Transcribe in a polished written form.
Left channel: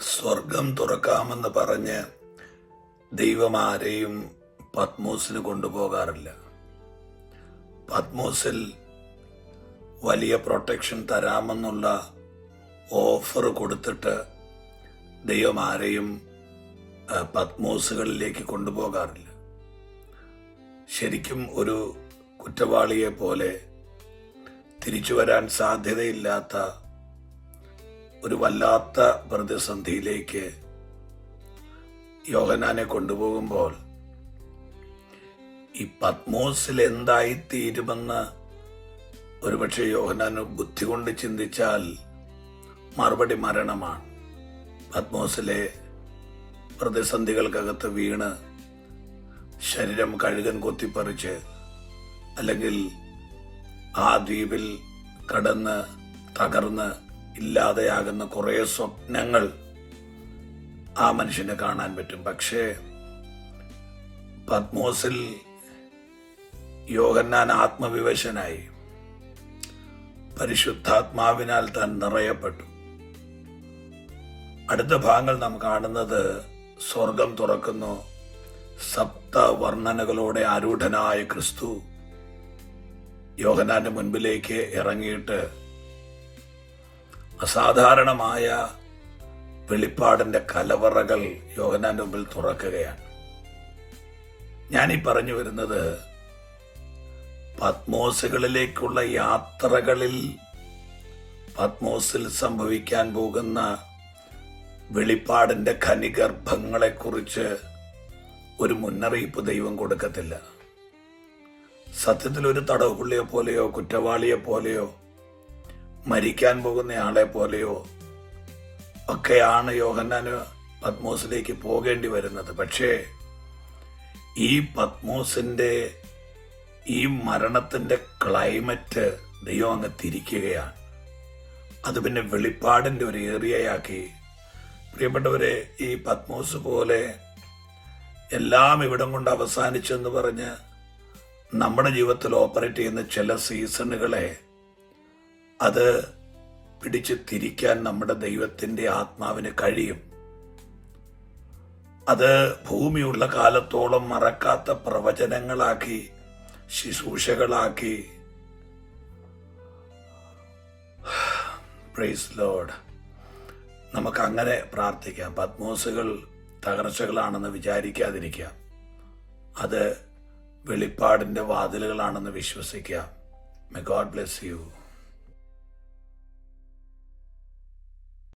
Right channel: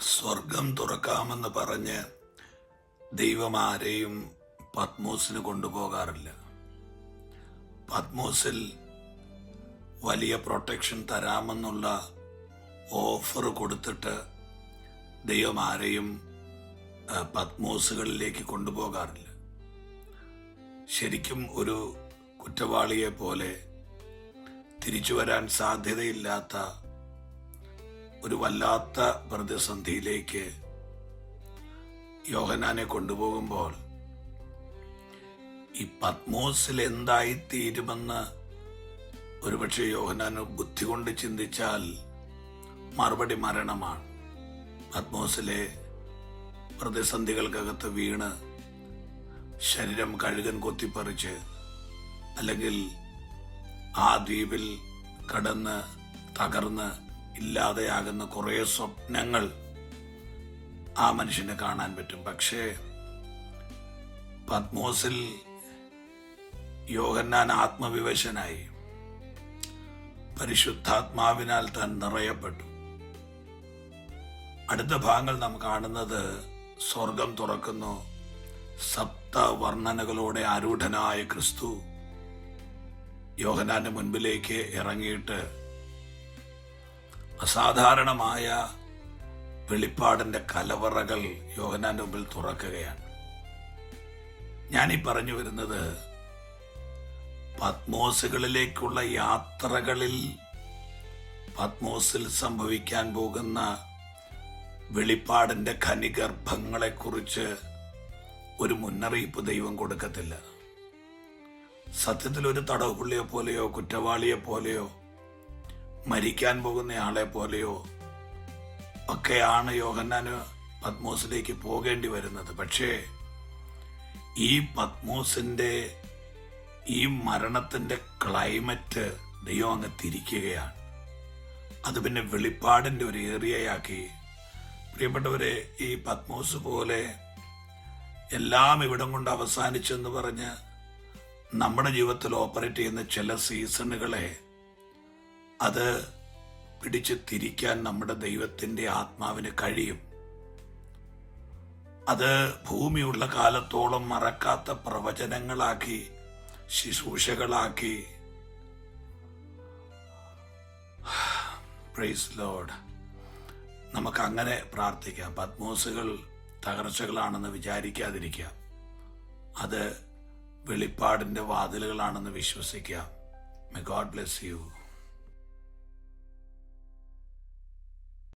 സ്വർഗം തുറക്കാമെന്ന് പറഞ്ഞ് ദൈവം ആരെയും പത്മോസിന് കൊണ്ടുപോകാറില്ല. പത്മോസിൽ വലിയ പ്രൊട്ടക്ഷൻ തരാമെന്നുള്ള ഓഫർ കൊടുത്തിട്ട് ദൈവം ആരെയും പത്മോസുകളിലേക്ക് കൊണ്ടുപോകാറില്ല. ശരിക്കും ഒരു കുറ്റവാളിയെ പോലെ തിരിച്ചു വരാൻ സാധ്യതയില്ലാത്ത ഒരു വല്ലാത്ത പ്രതിസന്ധിയിലേക്ക് യോഹന്നാനെ കൊണ്ടുപോകുമ്പോൾ ഈ പത്മോസിൽ എന്തായിത്തീരുമെന്ന് ഒരുപക്ഷെ യോഹന്നാന് ബുദ്ധി കൊണ്ട് ചിന്തിച്ചാൽ മറുപടി മരണമാണ്. പത്മോസിലെ പ്രതിസന്ധികൾക്കകത്ത് വീണ് ശരീരം കഴുകൻ കൊത്തിപ്പറിച്ച് അല്ലെങ്കിൽ ആ ദ്വീപിൽ കടന്ന് തകർന്ന് ഇല്ലാതെയാകുന്ന കുറെ സ്വപ്നങ്ങൾ ആ മനുഷ്യനെ കാണാൻ പറ്റും. പക്ഷേ പത്മോസിൽ യോഹന്നാൻ ആത്മവിവശനായി പരിശുദ്ധാത്മാവിനാൽ താൻ നിറയപ്പെട്ടു. അടുത്ത ഭാഗങ്ങൾ നാം കാണുന്നത് സ്വർഗം തുറക്കുന്നു. സപ്തവർണ്ണനകളോടെ ആരൂഢനായ ക്രിസ്തു യോഹന്നാന്റെ മുൻപിലേക്ക് ഇറങ്ങിയിട്ട് അസാധാരണമായ വെളിപ്പാടിന്റെ കലവറകൾ യോഹന്നാന്റെ മുമ്പിൽ തുറക്കുകയാണ്. ഞാനീ പറഞ്ഞു വരുന്നത് പത്മോസുകളിലേക്കുള്ള യാത്രകളിൽ പത്മോസിൽ സംഭവിക്കാൻ പോകുന്ന വെളിപ്പാടിന്റെ ഖനിഗർഭങ്ങളെക്കുറിച്ച് ഒരു മുന്നറിയിപ്പ് ദൈവം കൊടുക്കത്തില്ല. സത്യത്തിൽ ഒരു തടവുപുള്ളിയെ പോലെയോ കുറ്റവാളിയെ പോലെയോ മരിക്കാൻ പോകുന്ന ആളെ പോലെയോ ഒക്കെയാണ് യോഹന്നാന് പത്മോസിലേക്ക് പോകേണ്ടി വരുന്നത്. പക്ഷേ ഈ പത്മോസിന്റെ ഈ മരണത്തിന്റെ ക്ലൈമറ്റ് ദൈവം അങ്ങ് തിരിക്കുകയാണ്. അത് പിന്നെ വെളിപ്പാടിന്റെ ഒരു ഏരിയയാക്കി. പ്രിയപ്പെട്ടവരെ, ഈ പത്മോസ് പോലെ എല്ലാം ഇവിടം കൊണ്ട് അവസാനിച്ചെന്ന് പറഞ്ഞ് നമ്മുടെ ജീവിതത്തിൽ ഓപ്പറേറ്റ് ചെയ്യുന്ന ചില സീസണുകളെ അത് പിടിച്ച് തിരിക്കാൻ നമ്മുടെ ദൈവത്തിന്റെ ആത്മാവിന് കഴിയും. അത് ഭൂമിയുള്ള കാലത്തോളം മറക്കാത്ത പ്രവചനങ്ങളാക്കി, ശുശ്രൂഷകളാക്കി. Praise Lord. നമുക്ക് അങ്ങനെ പ്രാർത്ഥിക്കാം. പത്മോസുകൾ തകർച്ചകളാണെന്ന് വിചാരിക്കാതിരിക്കാം. അത് വെളിപ്പാടിന്റെ വാതിലുകളാണെന്ന് വിശ്വസിക്കാം. May God bless you.